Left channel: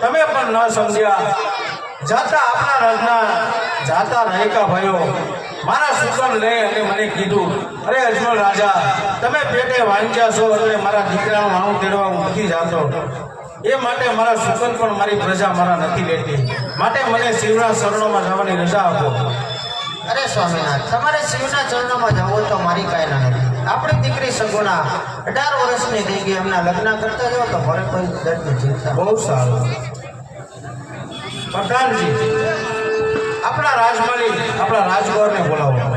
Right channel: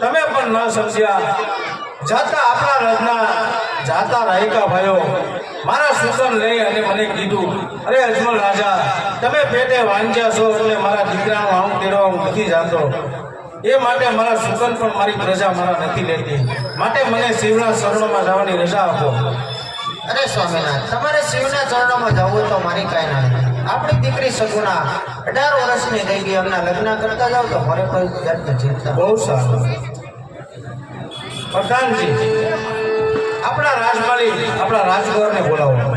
તમે પણ ન સમજ્યા જાતા આપણા રાજના જાતા રહેકા ભયો મારા સુકન લઈ અને મને કીધું, અરે અજમલ રાજા, તમે પેટે વાંચ્યા છો એટલે મારા દીકરાનું આણું કેળવા હું નથી જાતો. એ માટે મારા સુકન પણ મારી પ્રજા મારા નથી લેતી. માટે મને શિવના ચરણોમાં જવાની રજા આપો. અરે સ્વામિનાથ, તમારે શિવના ચરણોમાં જવું તો મારી કાંઈ ના નથી. આપણી દીકરી સગુણા 18 વર્ષની થઈ ગઈ, એમના લગ્ન કરતા જાવ તો મારે કોઈ જાતની ચિંતા. બહુ સારું. પ્રધાનજી, આપણા રાજમાલી આપણા રાજગોરને બોલાવો.